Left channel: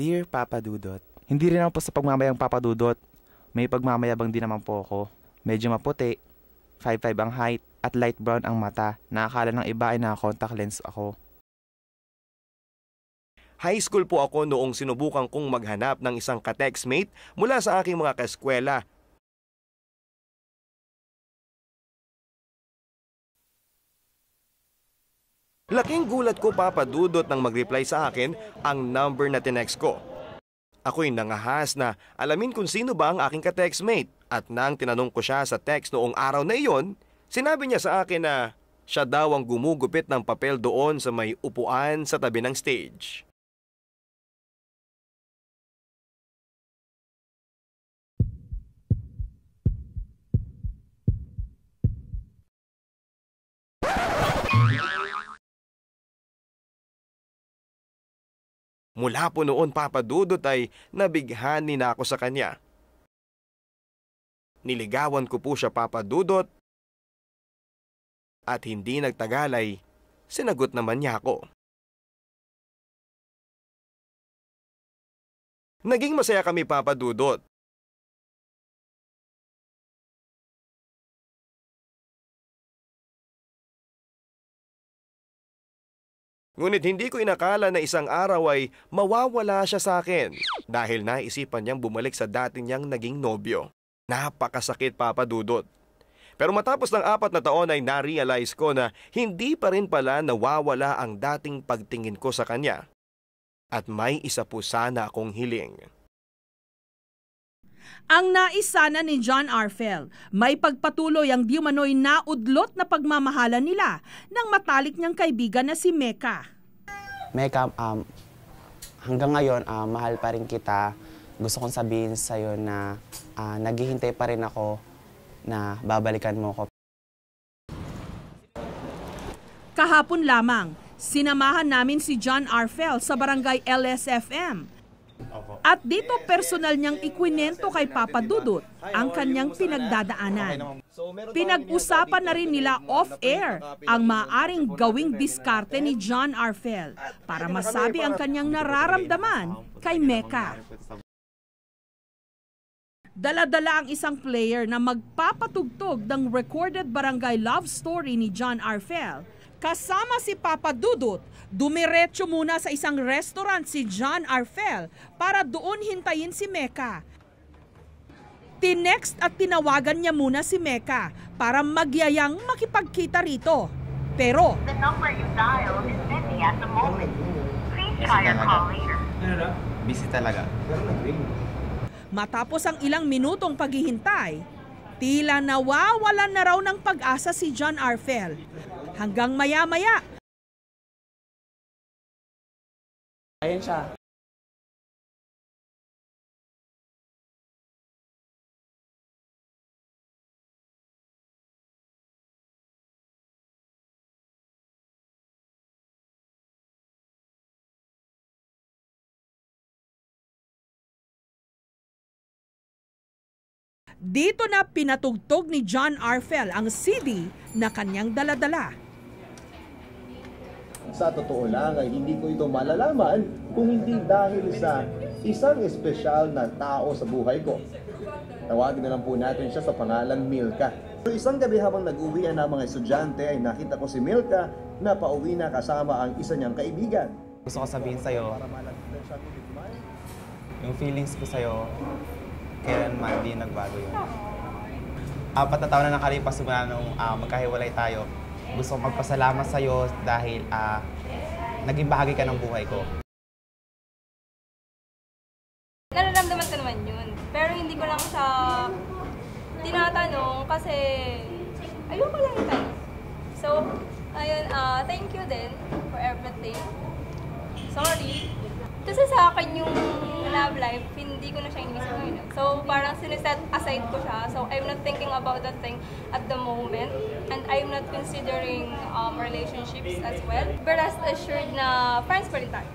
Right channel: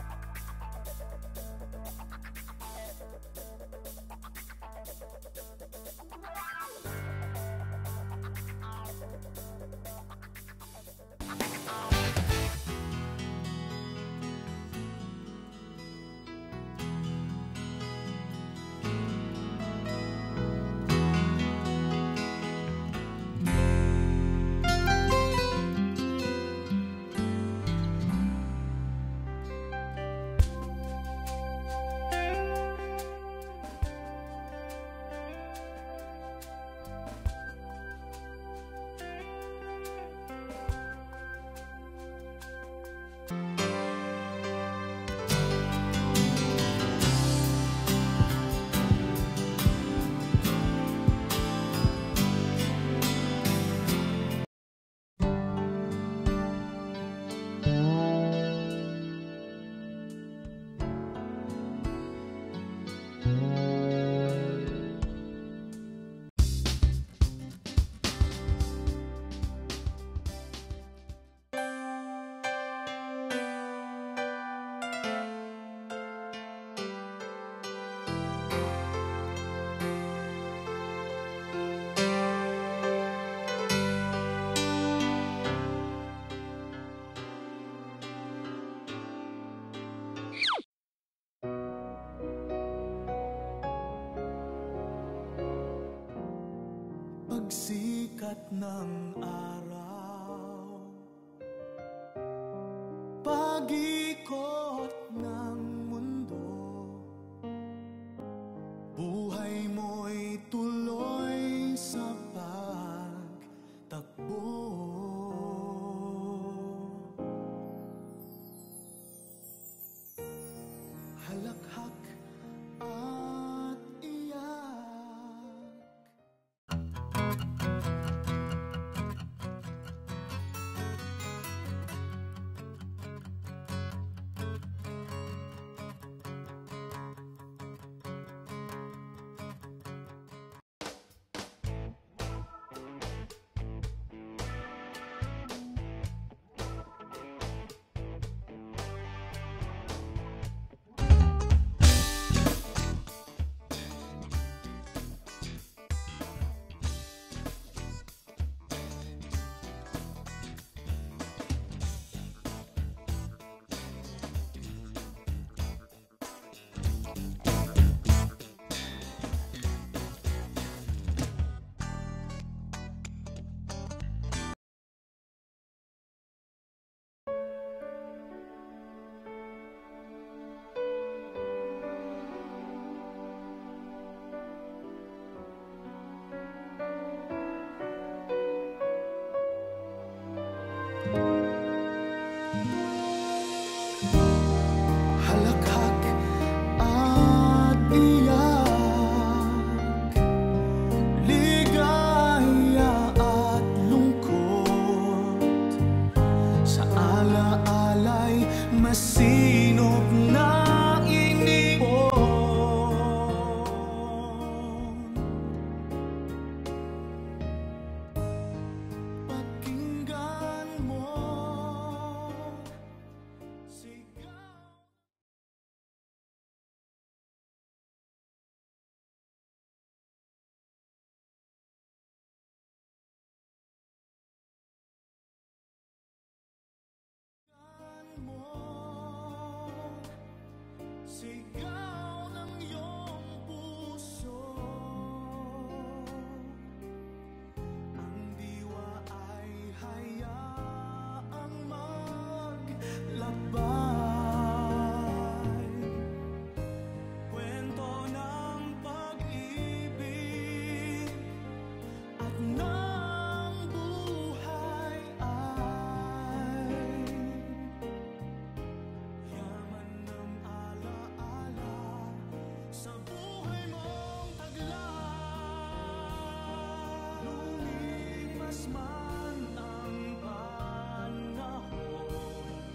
Dear Papa Dudut, hindi rin ako po sa pagmamayang Papa Dudut. May pagmamayabang din naman po ako. Medyo maputi, 5'5" ang height, at light brown ang mata. Nakakala ng iba ay naka-contact lens ako. High school po ako noong sinubukan kong maghanap ng isang ka-textmate mula sa aking mga kaeskwela. Laking gulat ko, Papa Dudut, nang mag-reply sa akin ang number na tinext ko. Ako'y nangahas na alamin kung sino ba ang aking ka-textmate. At nang tinanong ko siya sa text noong araw na iyon, sinabi niya sa akin na siya daw ang gumugupit ng papel doon sa may upuan sa tabi ng stage. Mula po noon, Papa Dudut, ay nabighani na ako sa kanya. Niligawan ko po siya, Papa Dudut, at hindi nagtagal ay sinagot naman niya ako. Naging masaya kami, Papa Dudut. Ngunit hindi ko inakala na isang araw ay mawawala siya sa akin dahil naisipan niyang bumalik sa dati niyang naging nobyo. Napakasakit, Papa Dudut. Pero matapos ng 4 na taon ay na-realize ko na hindi pa rin pala nawawala ang dating pagtingin ko sa kanya. At may isa po sana akong hiling. Ang nais sana ni John Arfel, may pagpatuloy ang di umano'y naudlot na pagmamahalan nila ng matalik niyang kaibigan na si Mecca. Mecca, hanggang ngayon, mahal pa rin kita. Gusto kong sabihin sa'yo na naghihintay pa rin ako na babalikan mo ko. Kahapon lamang, sinamahan namin si John Arfel sa barangay LSFM. At dito personal niyang ikwinento kay Papa Dudut ang kanyang pinagdadaanan. Pinag-usapan na rin nila off-air ang maaaring gawing diskarte ni John Arfel para masabi ang kanyang nararamdaman kay Mecca. Dala-dala ang isang player na magpapatugtog ng recorded barangay love story ni John Arfel. Kasama si Papa Dudut, dumiretso muna sa isang restaurant si John Arfel para doon hintayin si Mecca. Tinext at tinawagan niya muna si Mecca para magyayang makipagkita rito. Pero the number you dialed is busy at the moment. Please try your call later. Busy talaga. matapos ang ilang minutong paghihintay, tila nawawalan na raw ng pag-asa si John Arfel. Hanggang maya-maya. Ayun siya. Halakhak at iyak, ligaya at lungkot, sa ala-alay masinop na inipon. Dito na pinatugtog ni John Arfel ang CD na kanyang daladala. Sa totoo lang ay hindi ko ito malalaman kung hindi dahil sa isang espesyal na tao sa buhay ko. Tawagin na lang po natin siya sa pangalang Milka. So isang gabi habang nag-uwian ng mga estudyante ay nakita ko si Milka na pauwi na kasama ang isa niyang kaibigan. Gusto ko sabihin sa'yo, yung feelings ko sa'yo, kailanman di nagbago yun. 4 na taon na nakalipas mula nung magkahiwalay tayo. Gusto kong magpasalamat sa'yo dahil naging bahagi ka ng buhay ko. Nararamdaman ko naman yun. Pero hindi ko lang siya tinatanong kasi ayoko lang itanong. So, ayun, thank you din for everything. Sorry. Kasi sa akin yung love life, hindi ko na siya inisip ngayon. So, parang siniset aside ko siya. So, I'm not thinking about that thing at the moment. And I'm not considering relationships as well. But rest assured na friends pa rin tayo.